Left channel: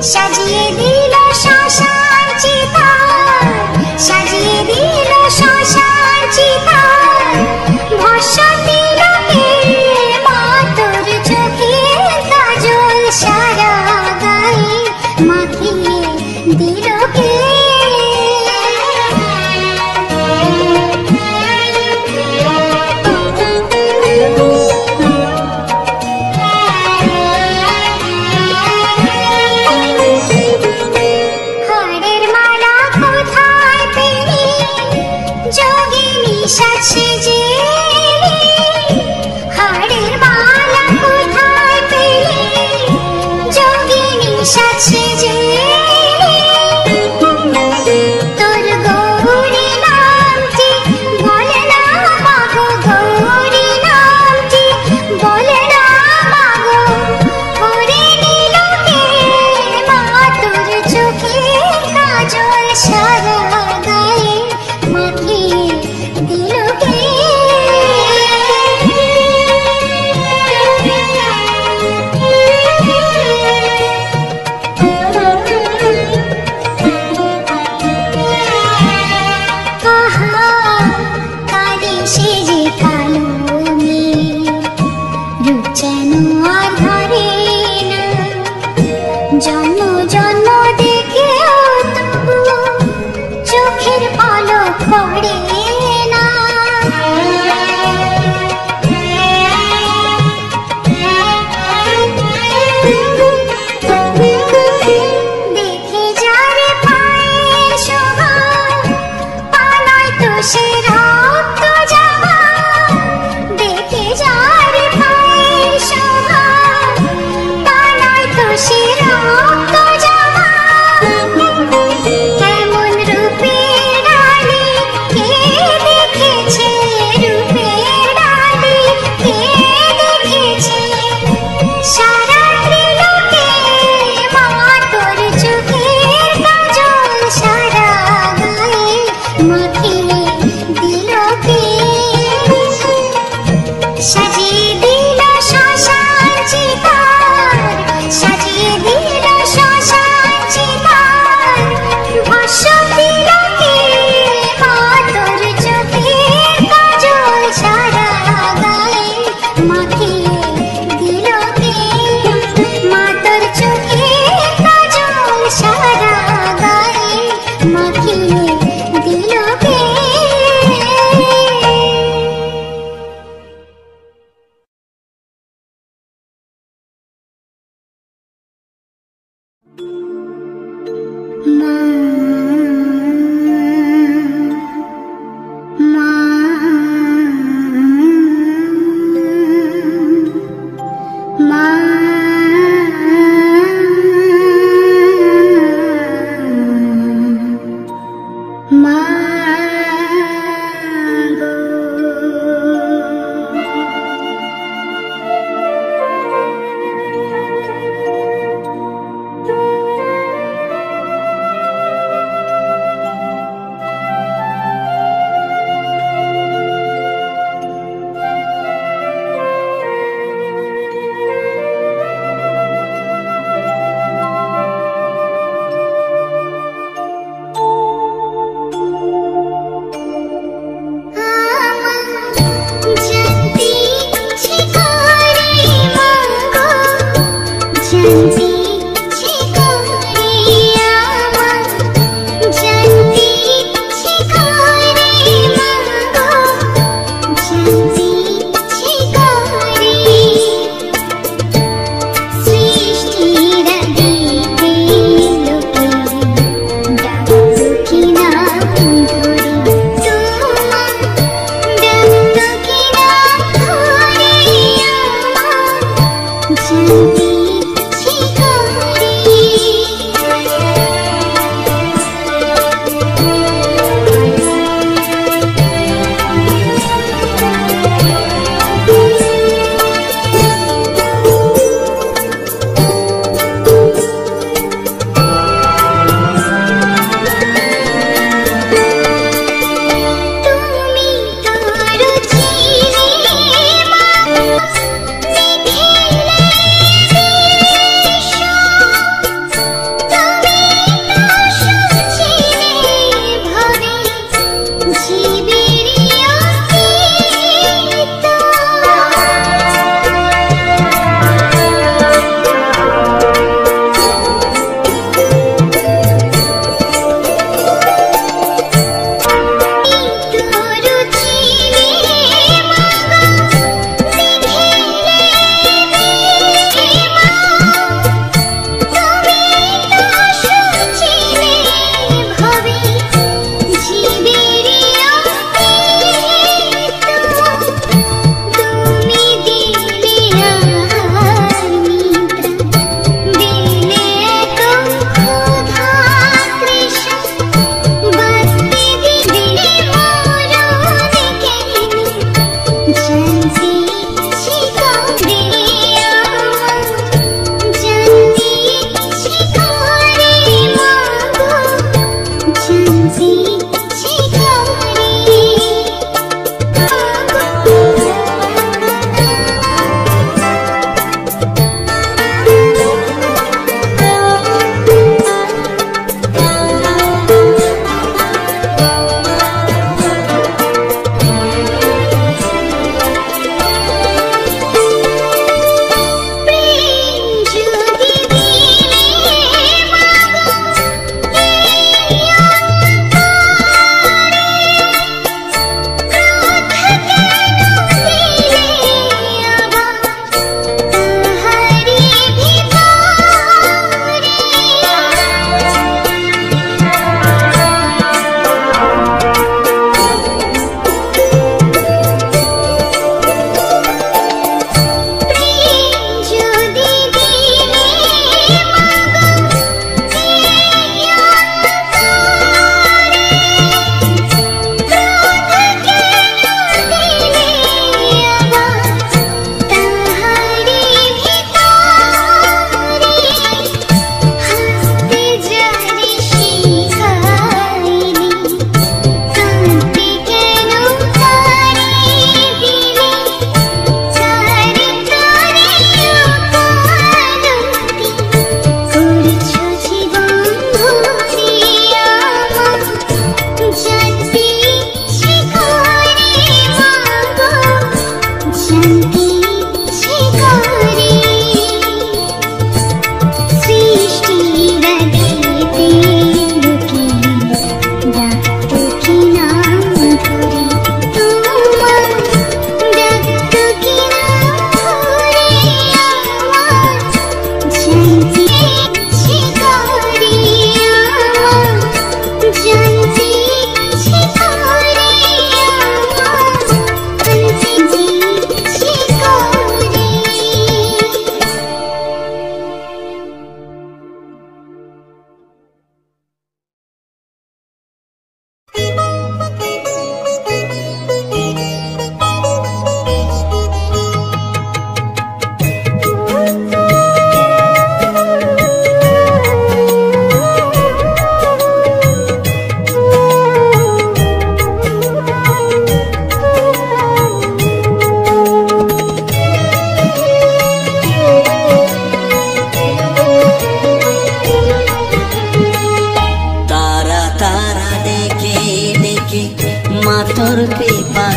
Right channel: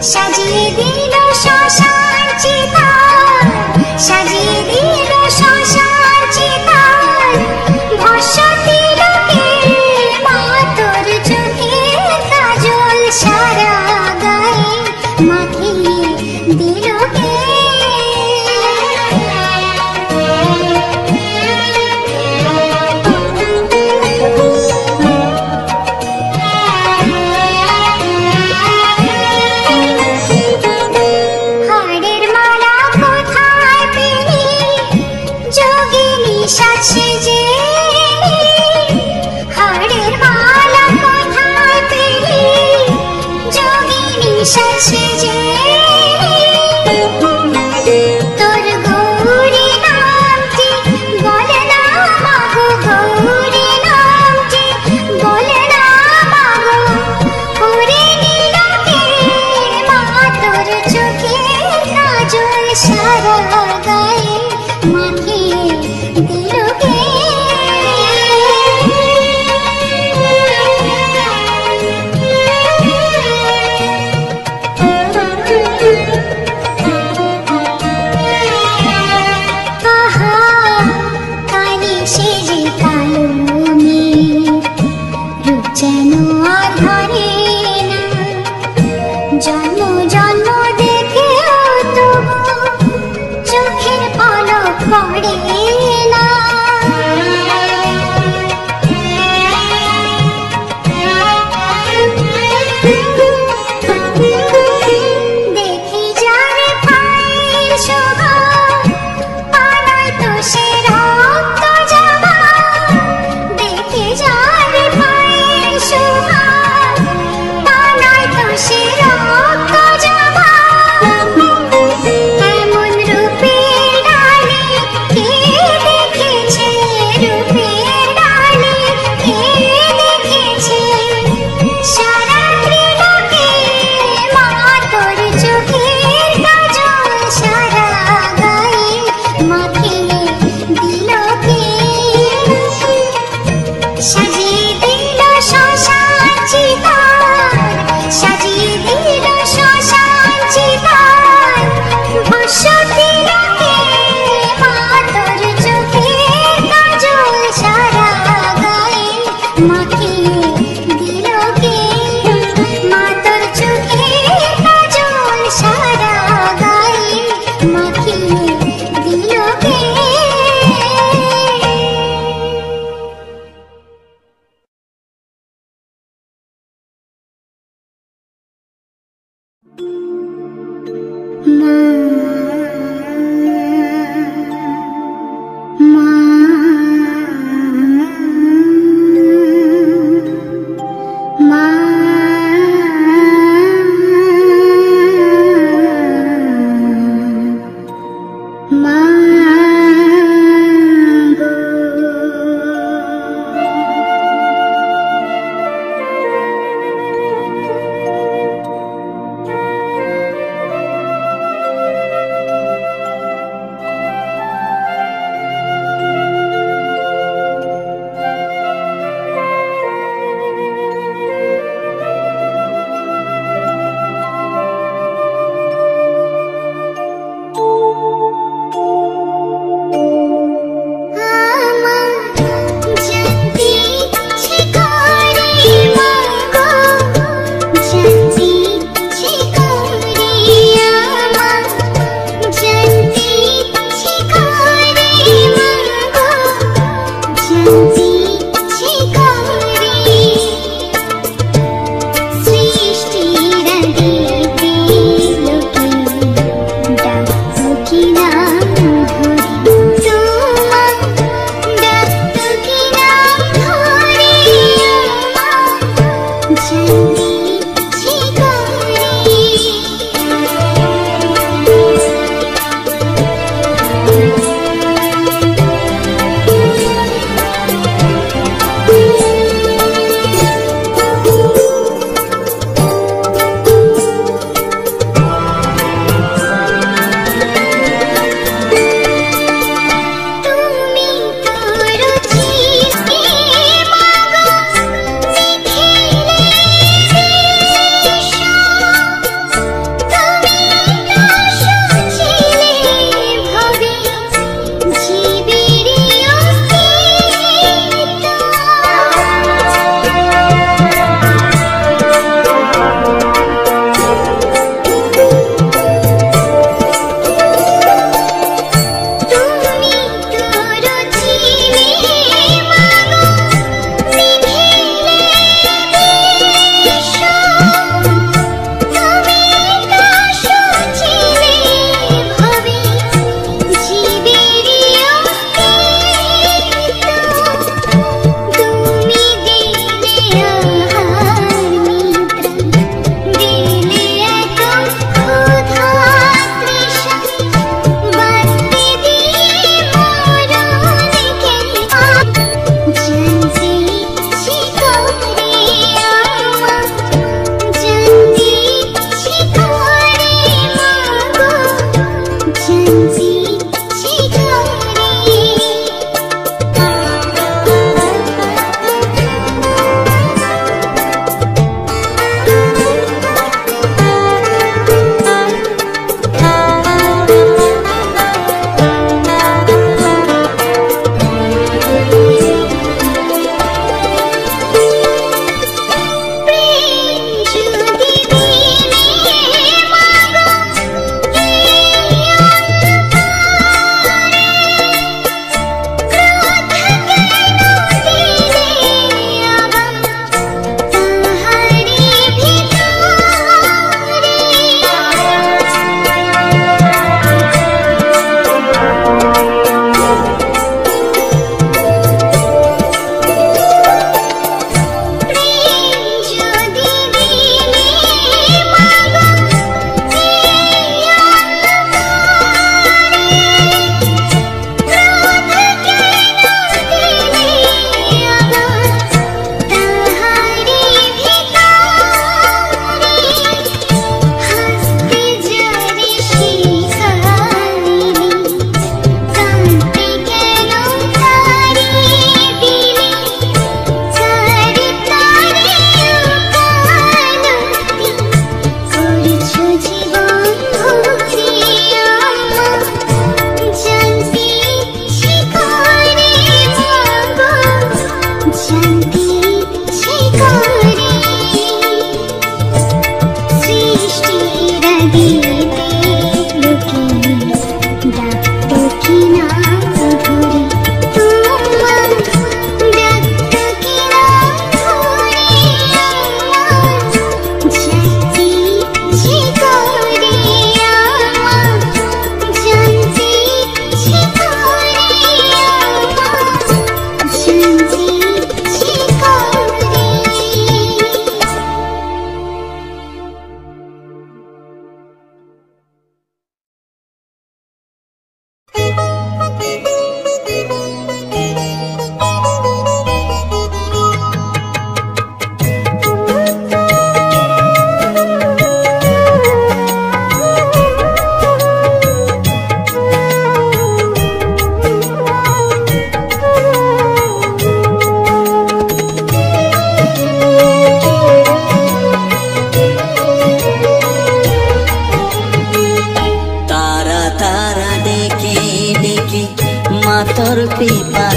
সাজিয়ে দিল শ্মশান চিতার, সাজিয়ে দিল শ্মশান চিতার, ভস্য দিল কে মা তোর চোখের কাজল সারা গায়ে মাখিয়ে দিল কে। হাড়ের মালা কোথায় পেলি যোগিনী সাজে, হাড়ের মালা কোথায় পেলি যোগিনী সাজে, তোর গৌরী নামটি বলে না মাগো, গৌরী নামটি বলে না মাগো, করে নিল কে মা তোর চোখের কাজল সারা গায়ে মাখিয়ে দিল কে। আহা কালি সেজে কালো মেঘ, রূপ যেন আর ধরে না, জন্ম জন্ম দেখেও তবু চোখের পলক পড়ে না। দেখে যার পায়ের শোভা, পা নয় তো সে রক্ত জবা, দেখে যার পায়ের শোভা, পা নয় তো সে রক্ত জবা, এমন রূপের ডালে কে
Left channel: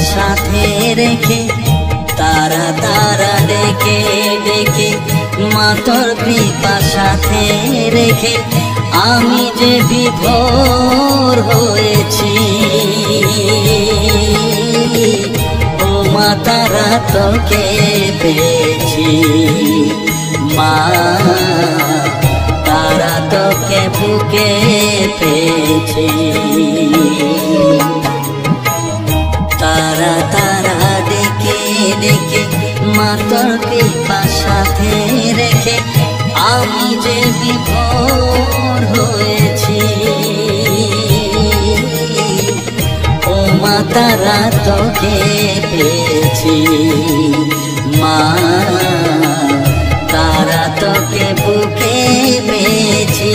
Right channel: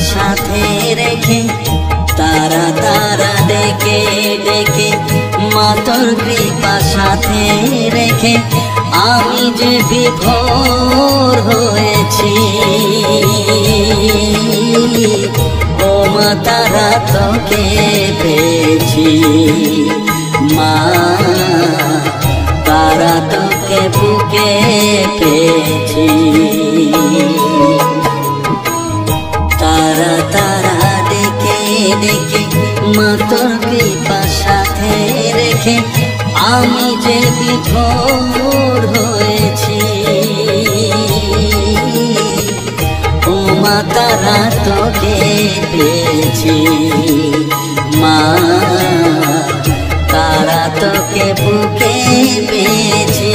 সাথে রেখে তারা তারা ডেকে ডেকে মা তোর কৃপা সাথে রেখে আমি যে বিভোর হয়েছি। ও মা তারা তোকে পেয়েছি, মা তারা তোকে বুকে পেয়েছি। তারা তারা ডেকে ডেকে মা তোর কৃপা সাথে রেখে আমি যে বিভোর হয়েছি। ও মা তারা তোকে পেয়েছি, মা তারা তোকে বুকে পেয়েছি।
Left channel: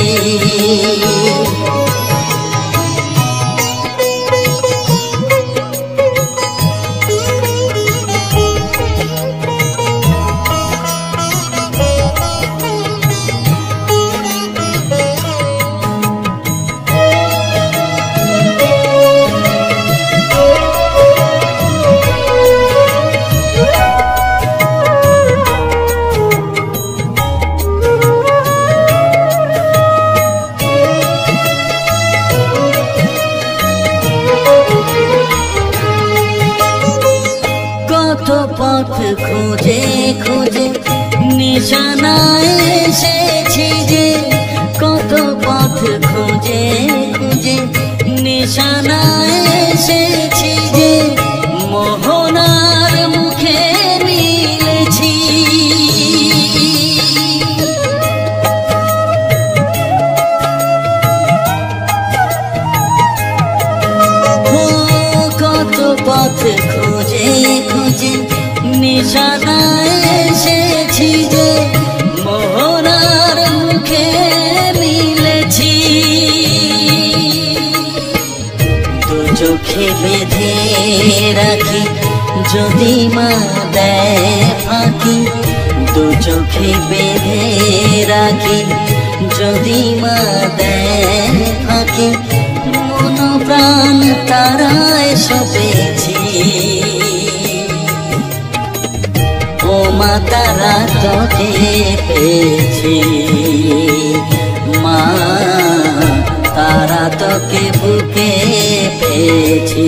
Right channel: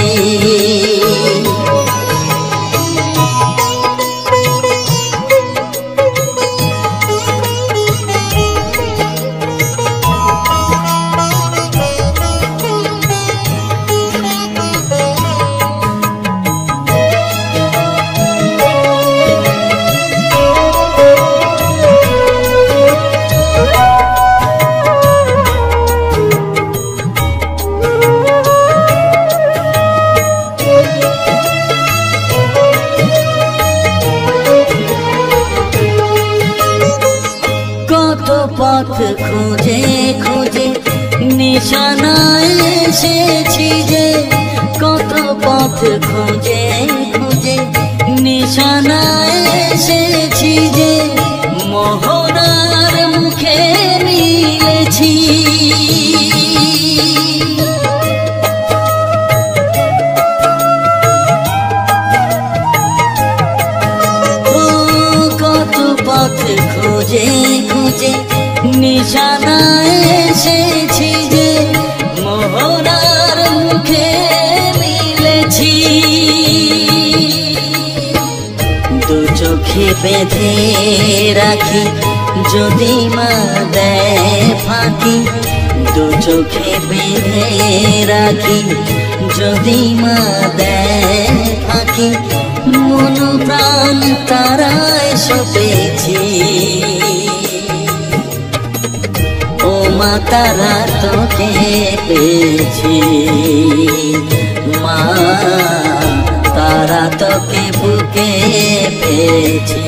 খুঁজে খুঁজে নিশানায় এসেছি যে, কত পথ খুঁজে খুঁজে নিশানায় এসেছি যে, মোহনার মুখে মিলেছি। কত পথ খুঁজে খুঁজে নিশানায় এসেছি যে, মোহনার মুখে মিলেছি। দু চোখে বেঁধে রাখি যদি মা দেয় ফাঁকি, দু চোখে বেঁধে রাখি যদি মা দেয় ফাঁকি, মন প্রাণ তারায় সপেছি। ও মা তারা তোকে পেয়েছি, মা তারা তোকে বুকে পেয়েছি।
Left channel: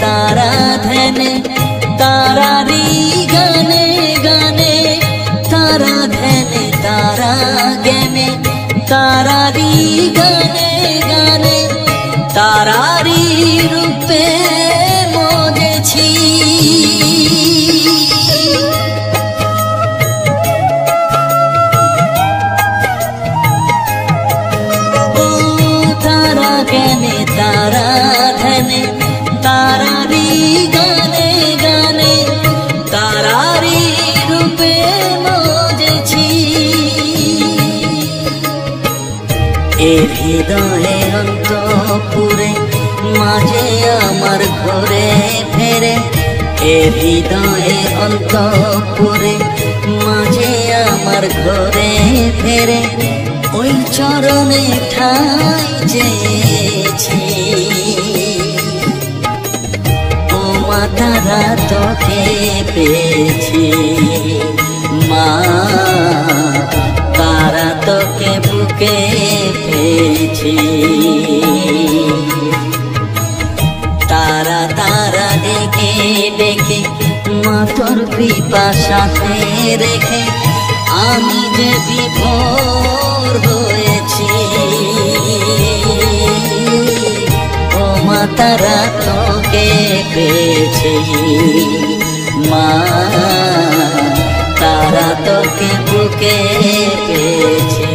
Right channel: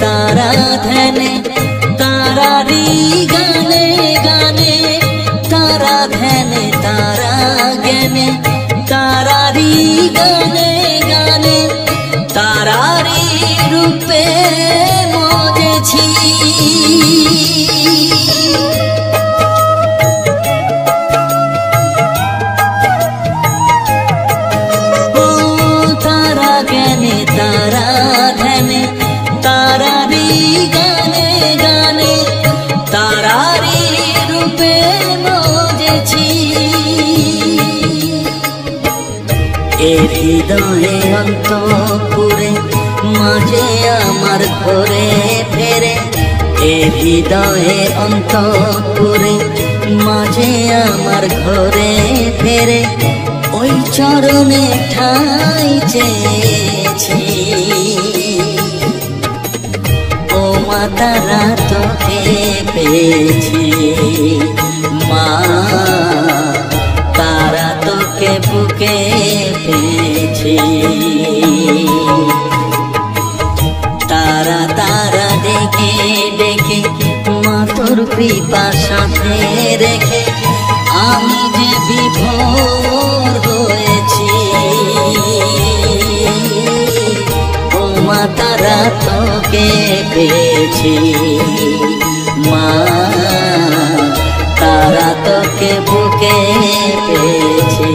तारा धने तारारी गाने गाने, तारा धने तारा गने तारारी गाने गाने, तारारी रूपे मोजेছি। ओ तारा गने तारा धने হৃদয়ে অন্তপুরে মাঝে আমার ঘরে ফেরে, এ হৃদয়ে অন্তপুরে মাঝে আমার ঘরে ফেরে, ওই চরণে ঠাই চেয়েছি। ও মা তারা তোকে পেয়েছি, মা তারা তোকে বুকে পেয়েছি। তারা তারা ডেকে ডেকে মা তোর কৃপা সাথে রেখে আমি যে বিভোর হয়েছি। ও মা তারা তোকে পেয়েছি, মা তারা তোকে বুকে পেয়েছি।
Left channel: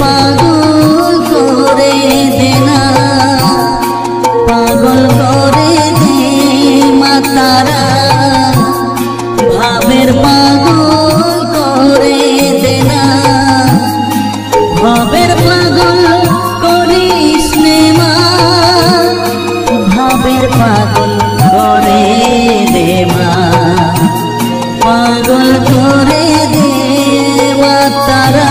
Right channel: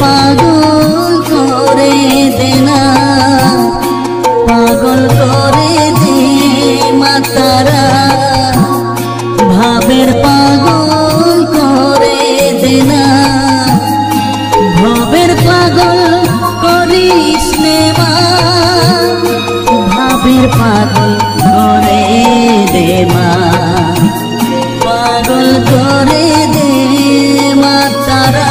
পাগল করে দে না, পাগল করে দে মা তারা, ভাবের পাগল করে দে না, ভাবের পাগল করিস নে মা, ভাবের পাগল করে দে মা, পাগল করে দে মা তারা,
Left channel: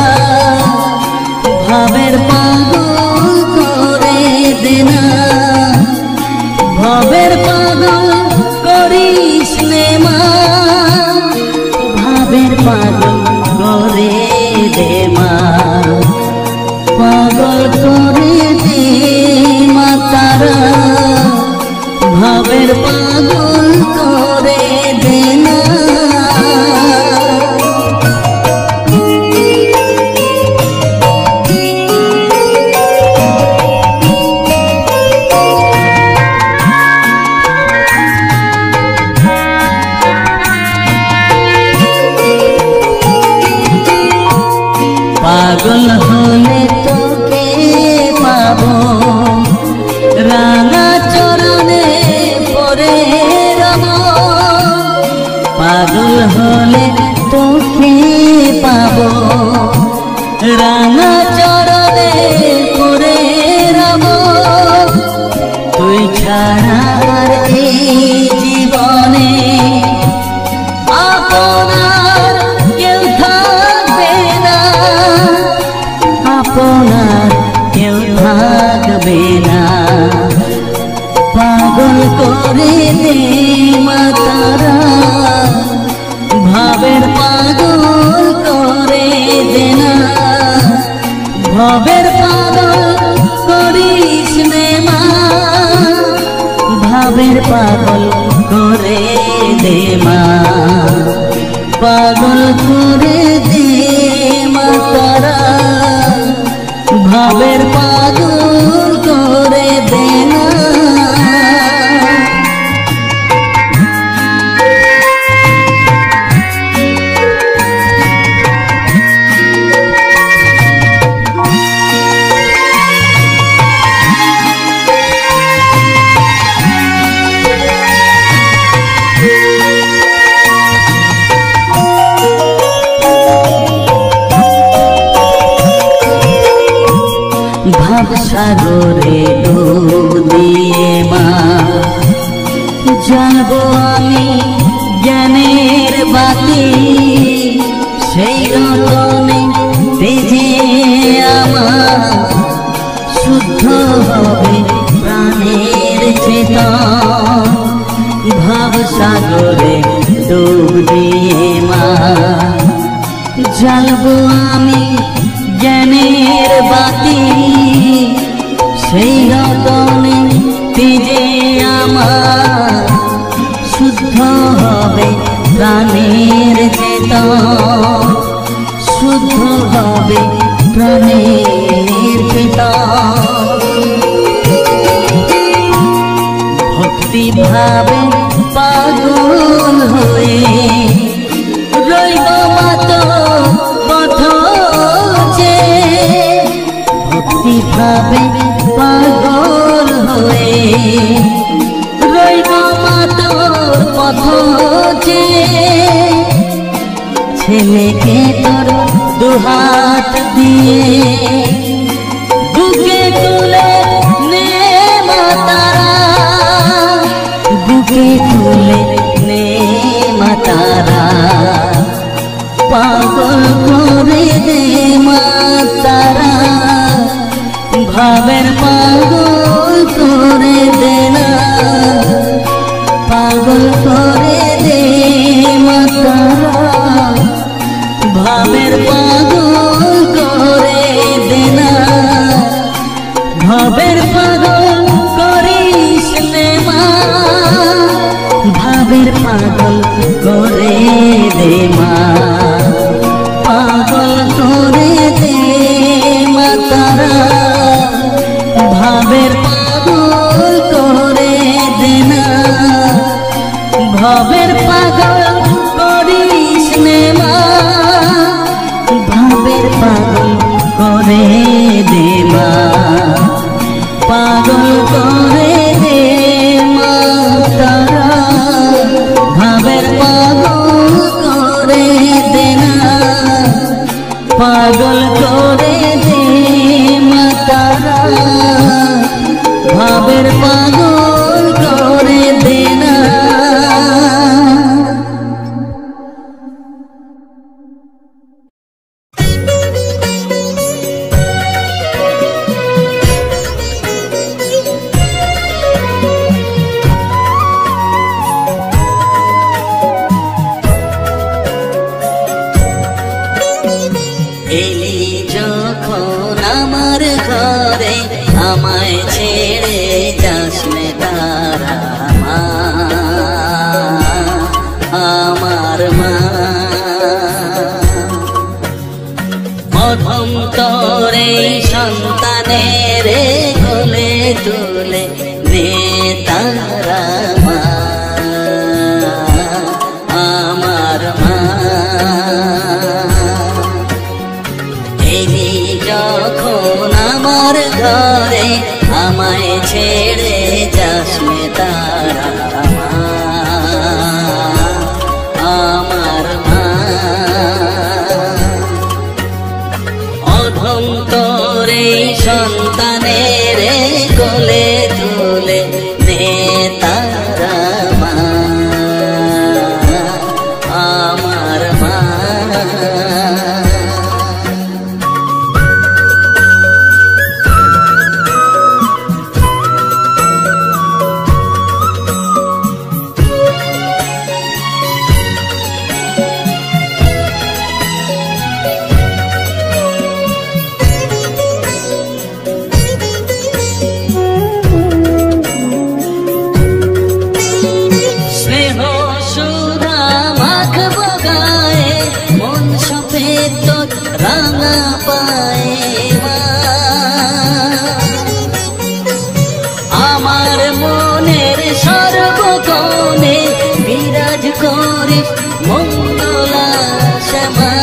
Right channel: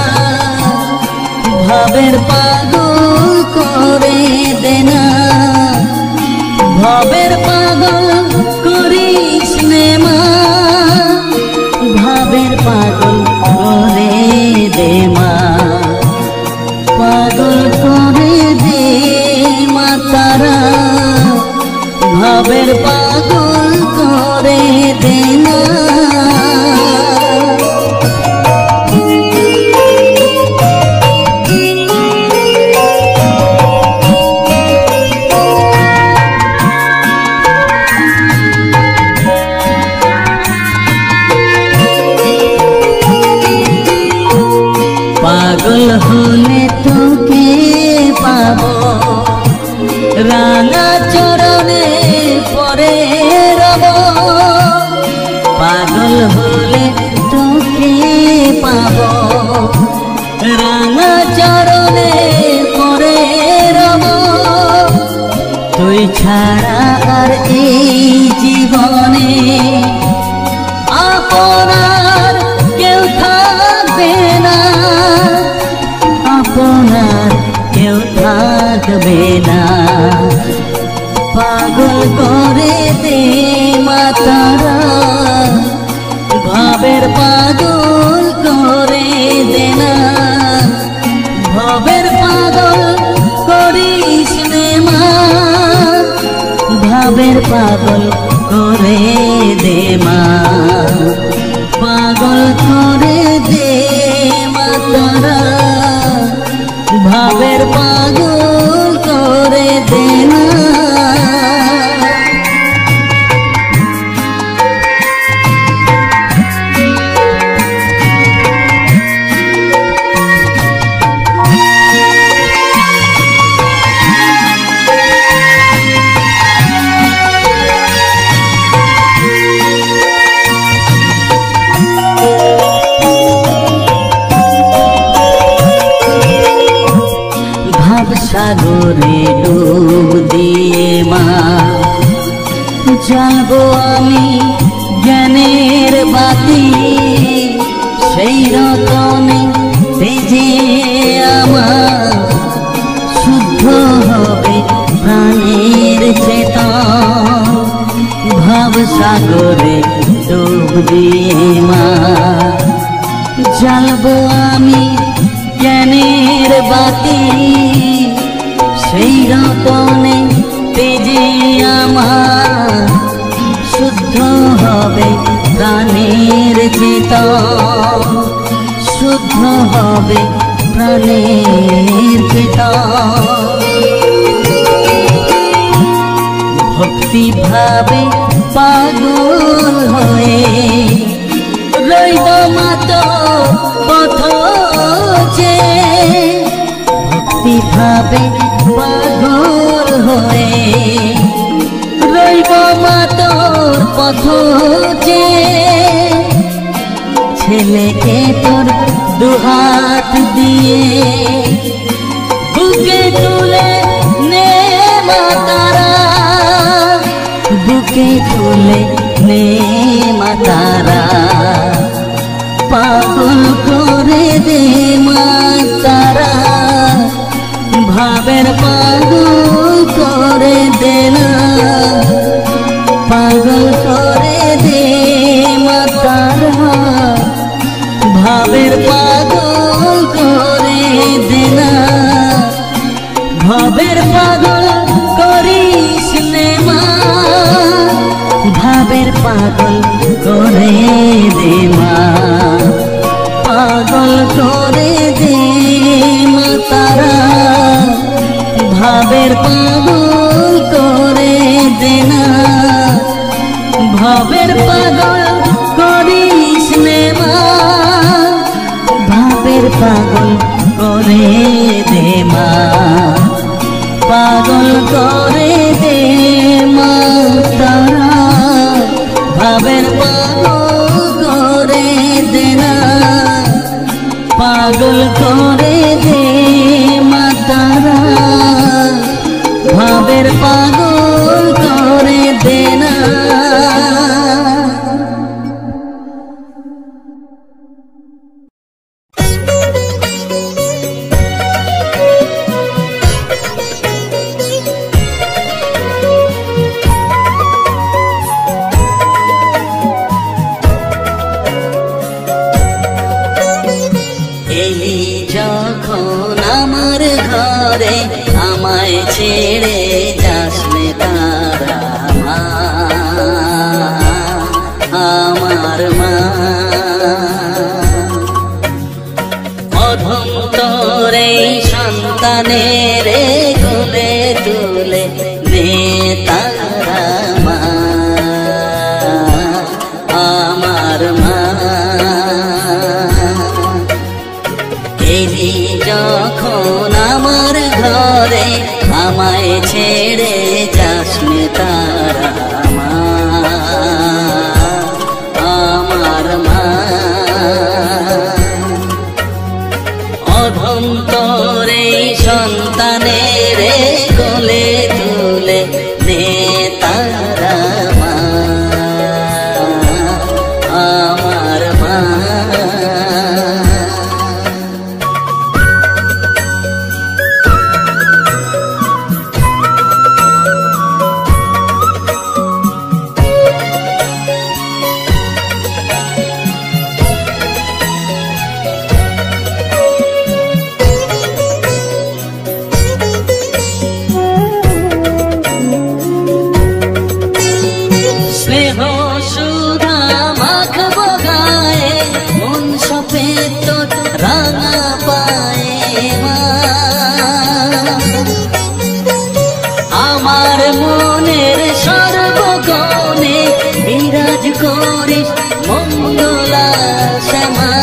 ভাবের পাগল করে দে না, ভাবের পাগল করিস নে মা, ভাবের পাগল করে দে মা, পাগল করে দে মা তারা, ভাবের পাগল করে দে না। পাগল হলে তোকে পাবো রাঙা চরণে পরে রব, পাগল হলে তোকে পাবো রাঙা চরণে পরে রব, তুই ছাড়া আর এই জীবনে আপনার কেউ থাকবে না, আপনার কেউ থাকবে না, পাগল করে দে মা তারা, ভাবের পাগল করে দে না, ভাবের পাগল করিস নে মা, ভাবের পাগল করে দে মা, পাগল করে দে মা তারা, ভাবের পাগল করে দে না। সাগরে ডুব দিয়ে মা যাব আমি জ্ঞানের বাতি, সেই রকমে বেজে আমার শুদ্ধ হবে প্রাণের চেতন, ভাব সাগরে ডুব দিয়ে মা যাব আমি জ্ঞানের বাতি, সেই রকমে তেজে আমার শুদ্ধ হবে প্রাণের চেতন, শুদ্ধ হবে প্রাণের চেতন, ভক্তি ভাবে পাগল হয়ে রইব মাত পথ যে, ভক্তি ভাবে পাগল হয়ে রইব মাত পথ যে, ছেলেকে তোর দুহাত দিয়ে বুকে তুলে নে মা তারা, বুকে তুলে নে মা তারা, পাগল করে দে মা তারা, ভাবের পাগল করে দে না, পাগল করে দে মা তারা, ভাবের পাগল করে দে না, ভাবের পাগল করিস নে মা, ভাবের পাগল করে দে মা, পাগল করে দে মা তারা, ভাবের পাগল করে দে না, ভাবের পাগল করিস নে মা, পাগল করে দে মা তারা, ভাবের পাগল করে দে না। এলি যখন আমার ঘরে, আমায় ছেড়ে যাস রে তারা মা, আমার মা। অধম তোরে সন্তানের কোলে তুলে নে তারা মা, আমার মা। এলি যখন আমার ঘরে, আমায় ছেড়ে যাস রে তারা মা, আমার মা। অধম তোরে সন্তানের কোলে তুলে নে তারা মা, আমার মা। স্নেহ সুধা মাখবো গায়ে, মন সফেদ তোর রাঙা পায়ে মা। আমার মনের সর্বক্ষণে বিরাজ করিস মঙ্গলা শ্যামা।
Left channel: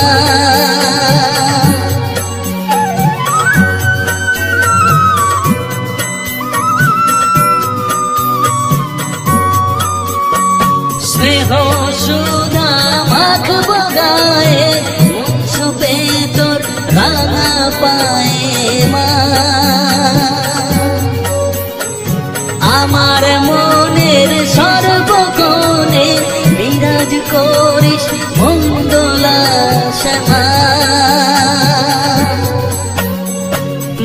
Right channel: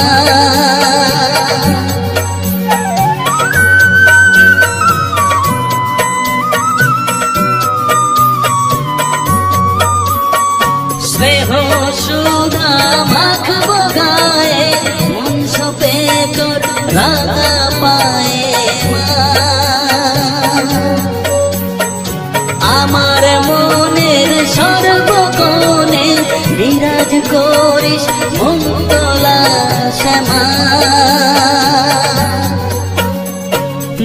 স্নেহ সুধা মাখবো গায়ে, মন সফেদ তোর রাঙা পায়ে মা। আমার মনের সর্বক্ষণে বিরাজ করিস মঙ্গলা শ্যামা।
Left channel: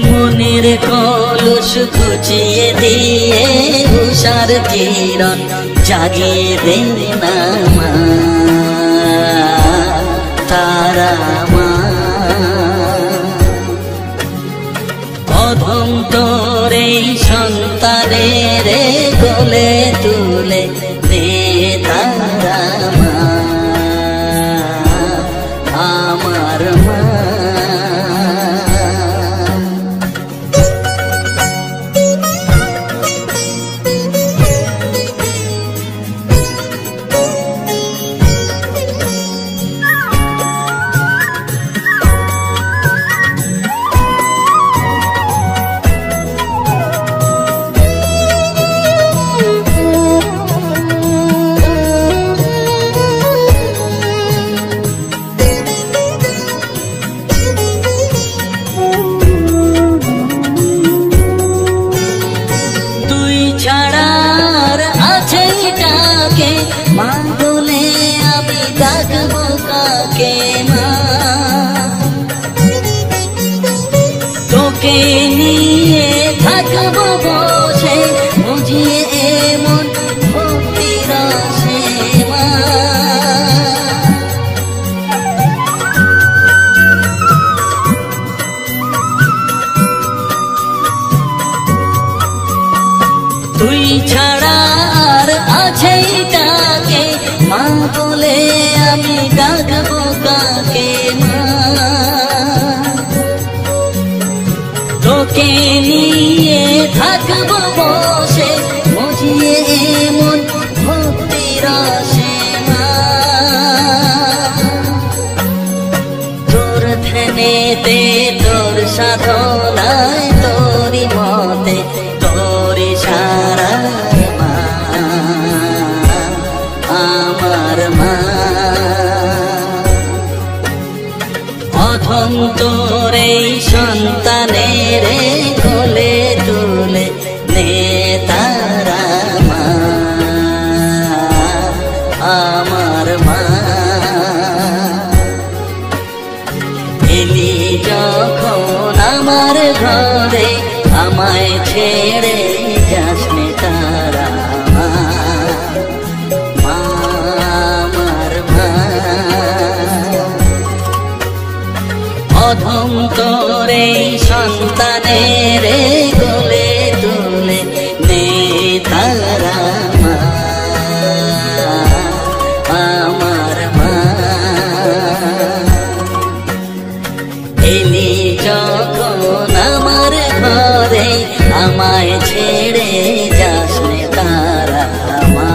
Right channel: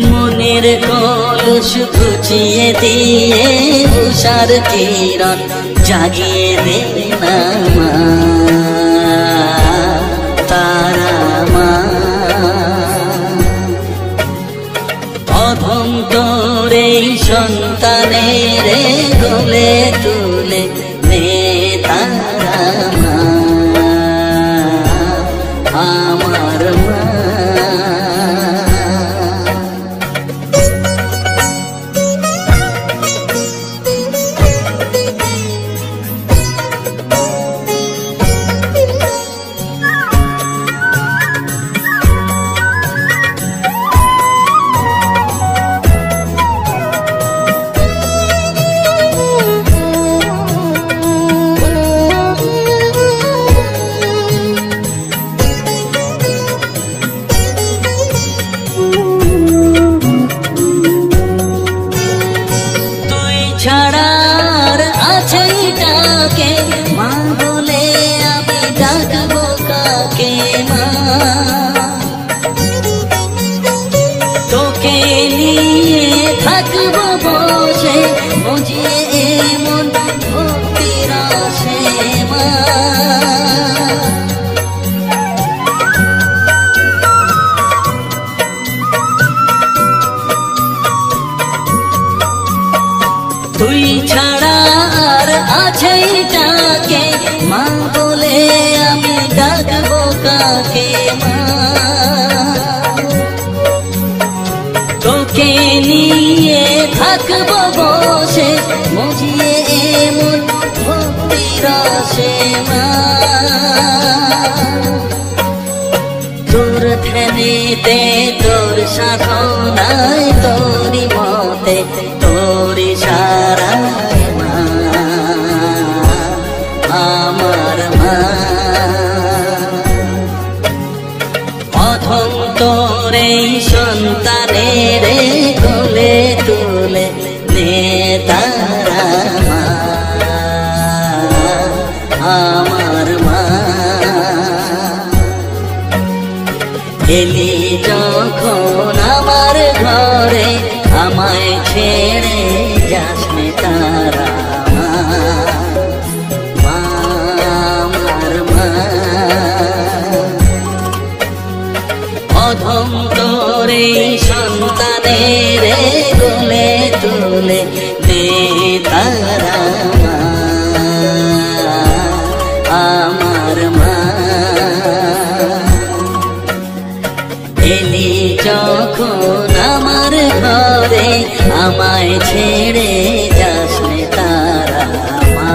মনের কলস ঘুচিয়ে দিয়ে উষার কিরণ জাগিয়ে দে না মা, তারা মা। অধম তোরে সন্তানের কোলে তুলে নে তারা মা, আমার মা। তুই ছাড়া আর আছে কাকে মা বলে আমি ডাকবো কাকে মা। তোকে নিয়ে থাকবো বসে বুঝিয়ে এমন ভক্তির আসে মা। তুই ছাড়া আর আছে কাকে মা বলে আমি ডাকবো কাকে মা। তোকে নিয়ে থাকবো বসে বুঝিয়ে এমন ভক্তির আসে মা। তোর ধ্যানেতে তোর সাধনায় তোরি মতে তোরি সারায় মা, আমার মা। অধন্তরে সন্তানের কোলে তুলে নে তারা মা, আমার মা। এলি যখন আমার ঘরে আমায় ছেড়ে যাস নে তারা মা, আমার মা। অধন্তরে সন্তানের কোলে তুলে নে তারা মা, আমার মা। এলি যখন আমার ঘরে আমায় ছেড়ে যাস রে তারা মা,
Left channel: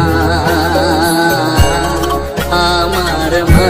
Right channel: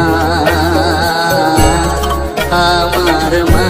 আমার মা।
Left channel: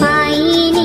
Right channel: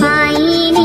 পাইনি।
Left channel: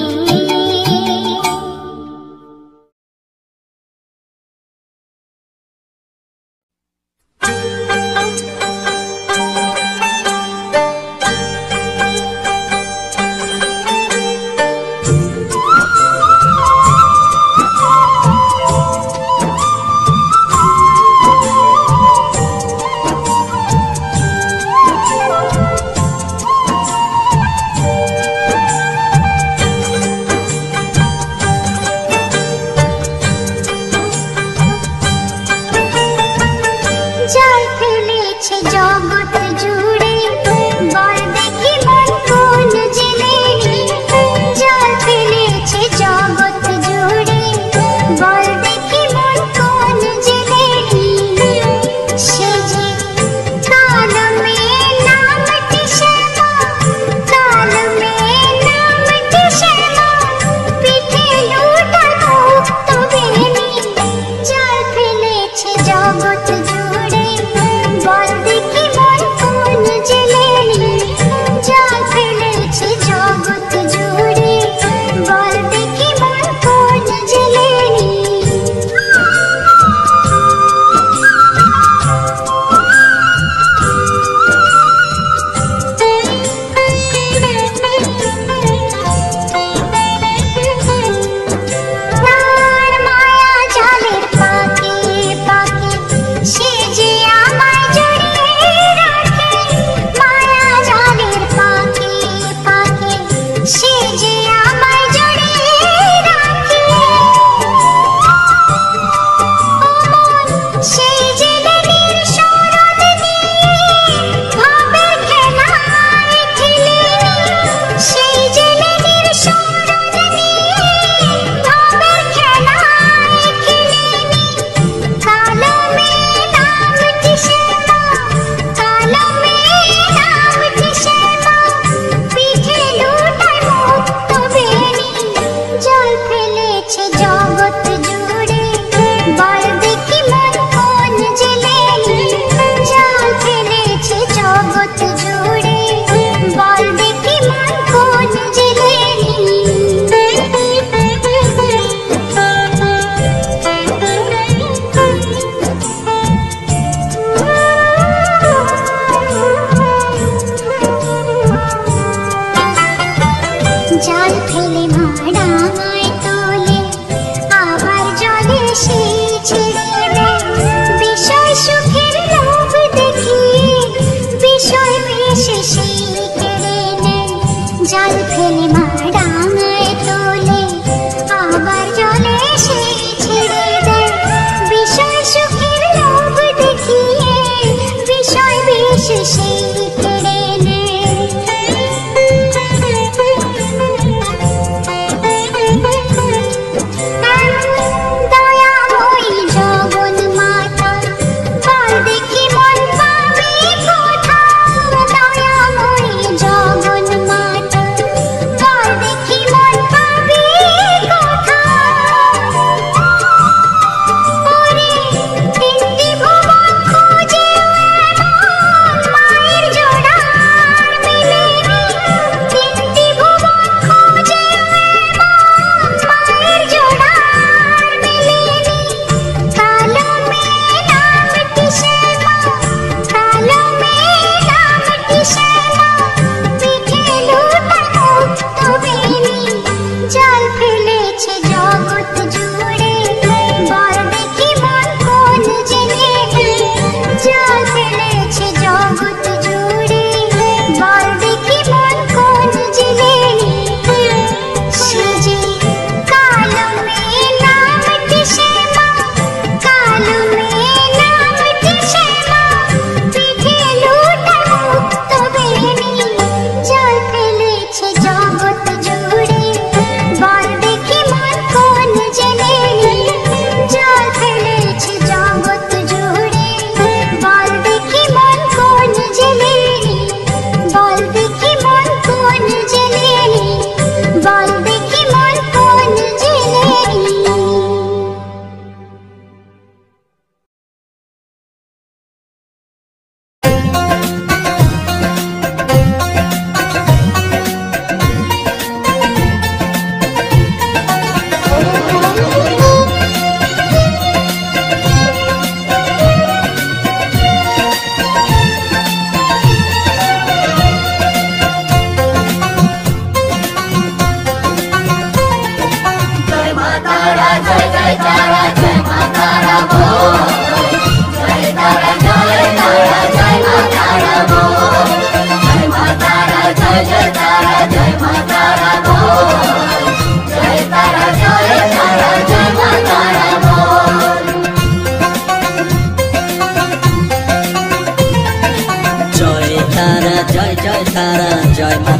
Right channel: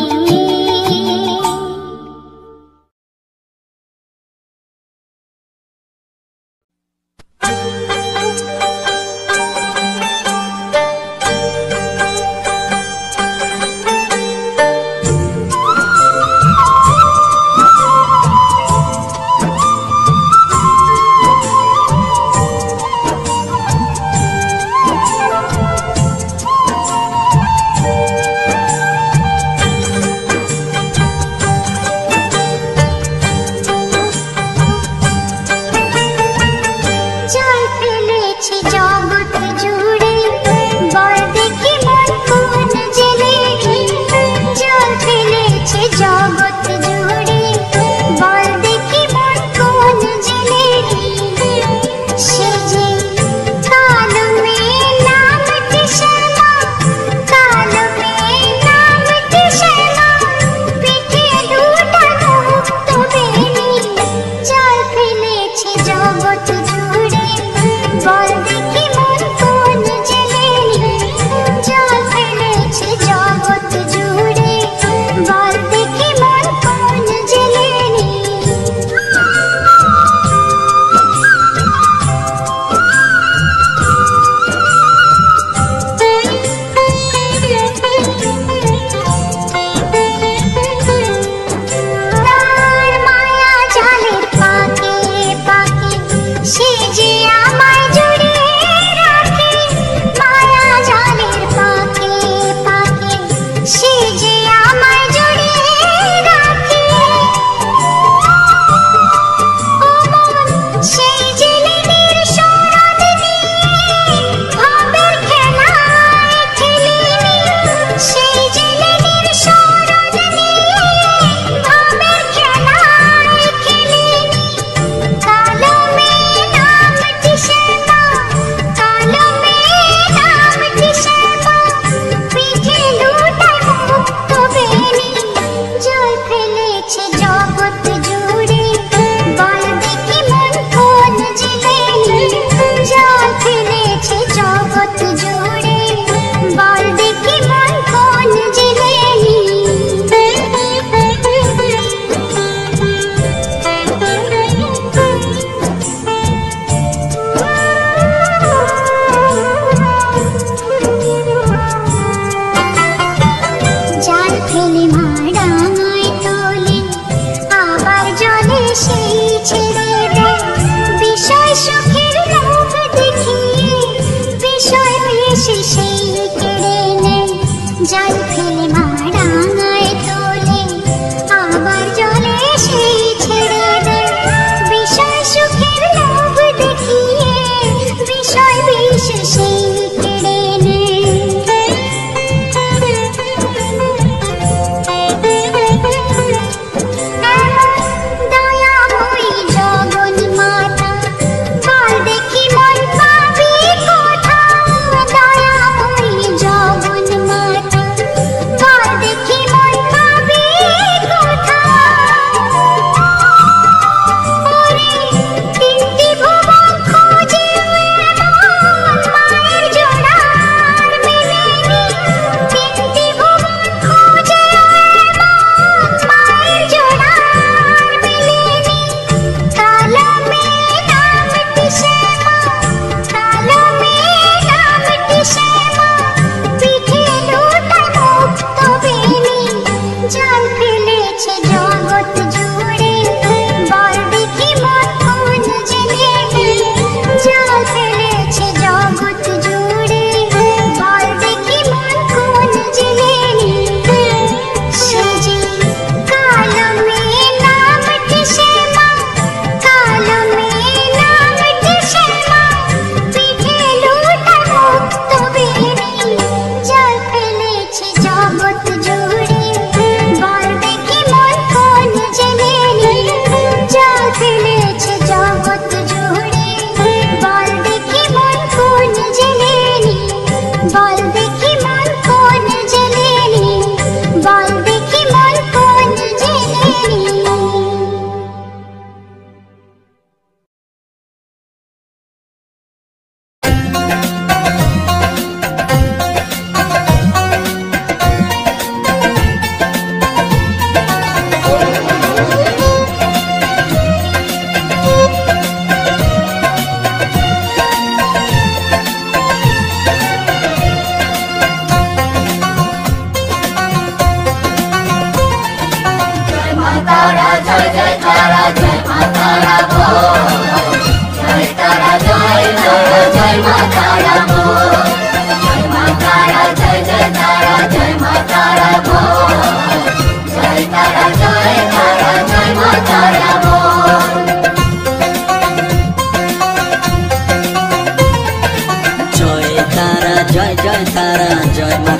দেখি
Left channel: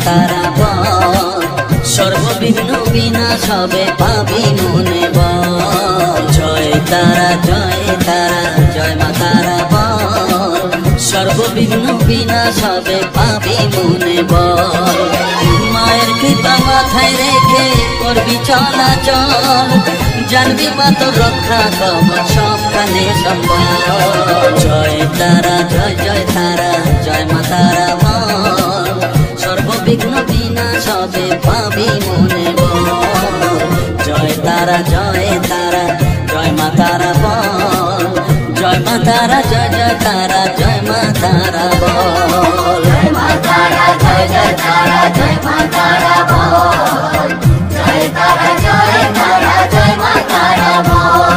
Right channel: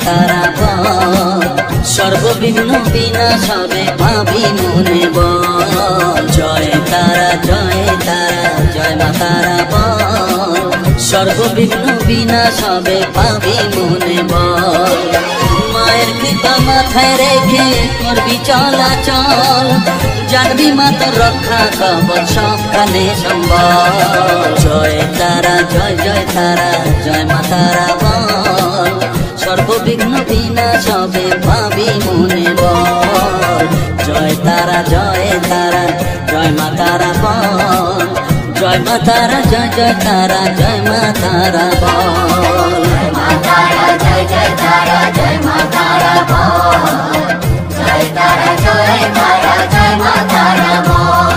তারা বল সর্ববিঘ্ন বিনাশ হবে পাবি মনে বল জয় তারা জয় মা তারা বল সর্ববিঘ্ন বিনাশ হবে পাবি মনে বল মায়ের কৃপা মাথায় রেখে করবি চলাচল জানবি মা তোর রক্ষা কবচ সবখানে সম্বল জয় তারা জয় মা তারা বল সর্ববিঘ্ন বিনাশ হবে পাবি মনে বল জয় তারা জয় মা তারা বল জয় মা তারা জয় মা তারা বল জয় মা তারা জয় মা তারা বল জয় তারা জয় মা তারা বল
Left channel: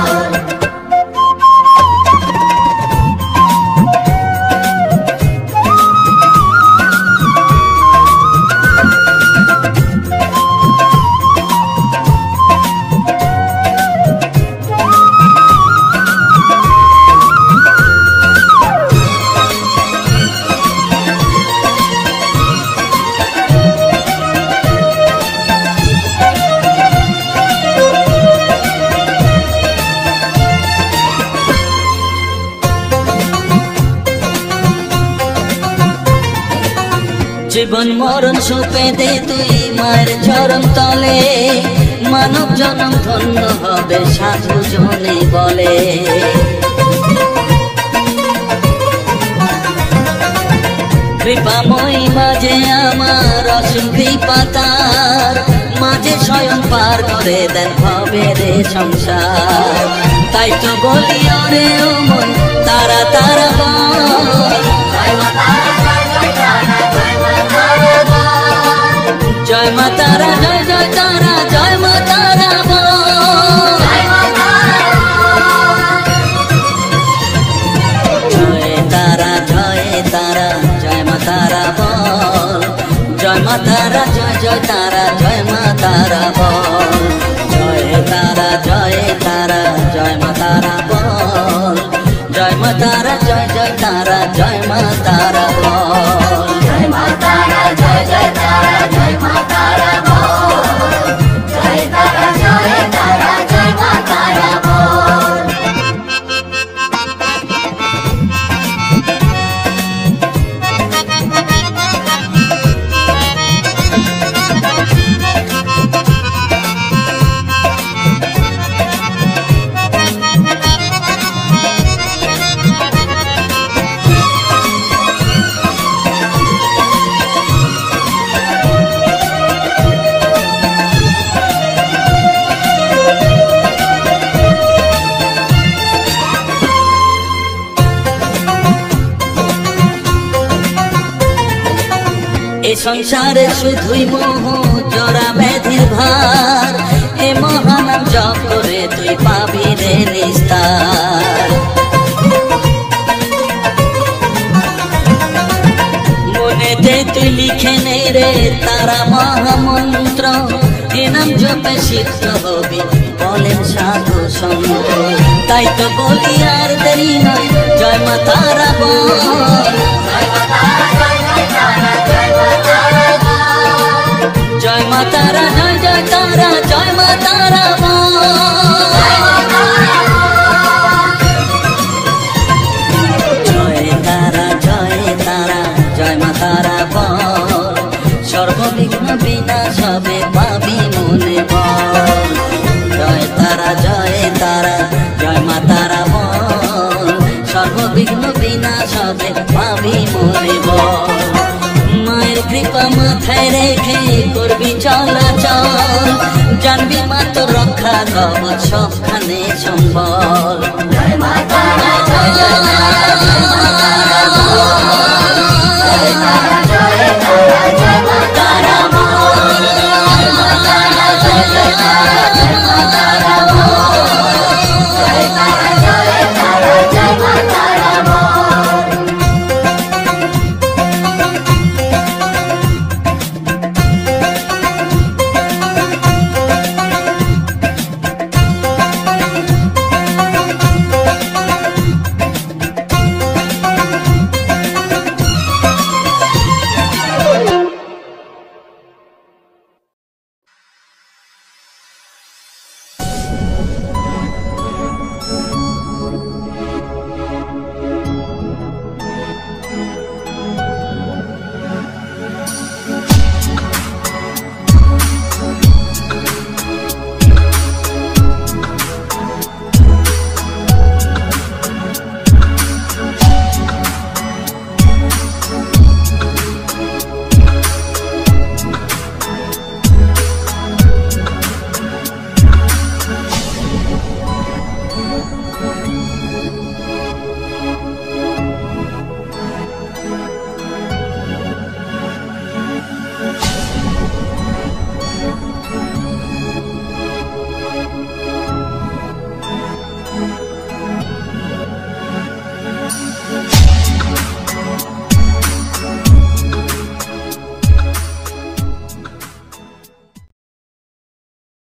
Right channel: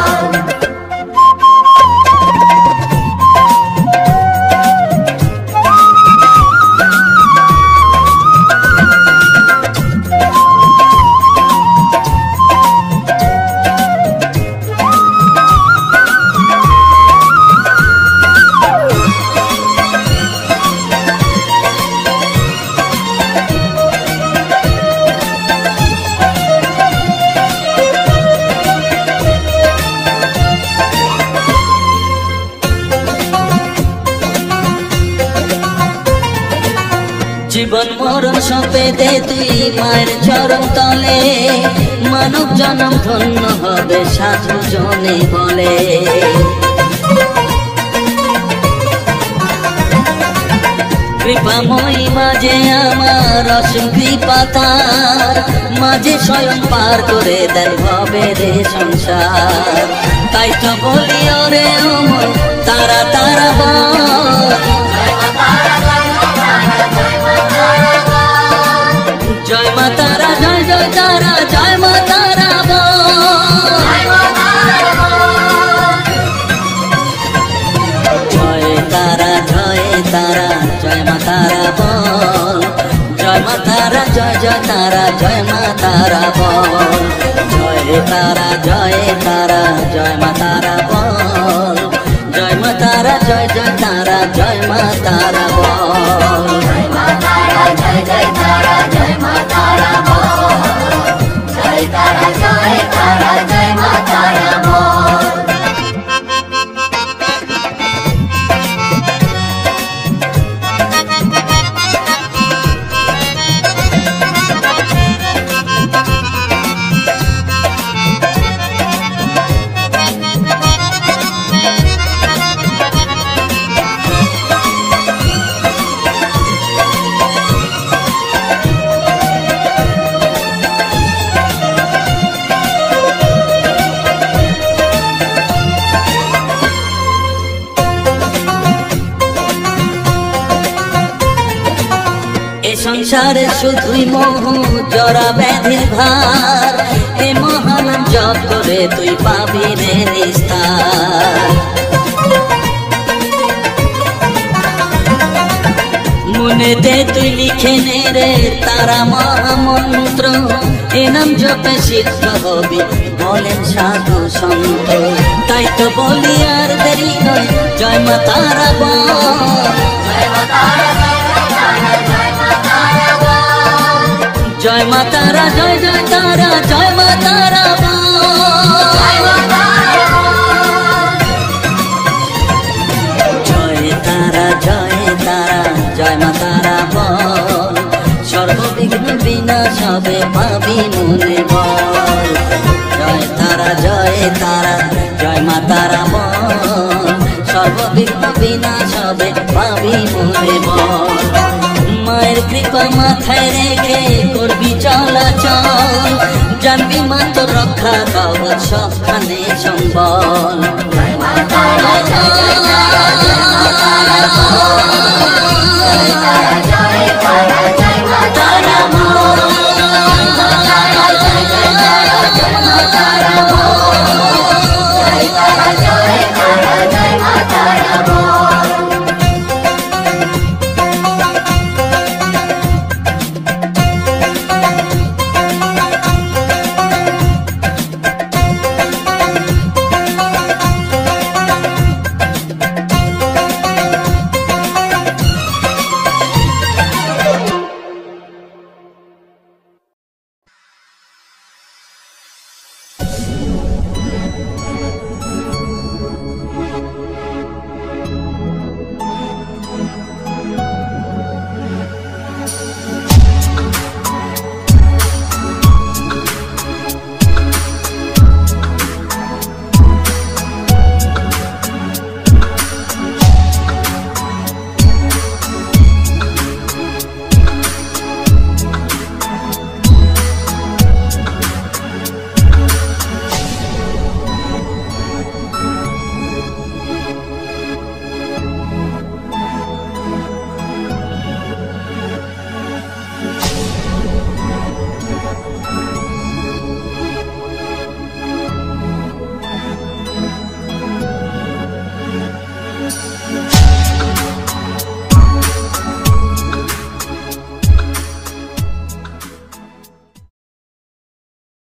জীবন মরণ সঁপে দে তুই মায়ের চরণ তলে মানব জনম ধন্য হবে সাধু জনে বলে কৃপাময়ী মাঝে আমার অসীম কৃপাতার মাঝে স্বয়ং পার করে দেন ভবে রে সংসার তাই তো বলি ওরে তারা তারা বল জয় মা তারা জয় মা তারা বল জয় তারা জয় মা তারা বল জয় মা তারা জয় মা তারা বল জয় তারা জয় মা তারা বল জয় মা তারা জয় মা তারা বল জয় মা তারা জয় মা তারা বল জয় তারা জয় মা তারা বল সংসারে শুধুই মোহ জরা ব্যাধির ভার এ মহানাম জপ করে তুই পাবি রে নিস্তার মনেতে তুই লিখে নে রে তারা মহামন্ত্র এ নাম জপে সিদ্ধ হবি বলেন সাধু সন্ত তাই তো বলি আর দেরি নয় জয় মা তারা বল জয় মা তারা জয় মা তারা বল জয় তারা জয় মা তারা বল সর্ববিঘ্ন বিনাশ হবে পাবি মনে বল জয় তারা জয় মা তারা বল সর্ববিঘ্ন বিনাশ হবে পাবি মনে বল মায়ের কৃপা মাথায় রেখে করবি চলাচল জানবি মা তোর রক্ষা কবচ সবখানে সম্বল জয় মা তারা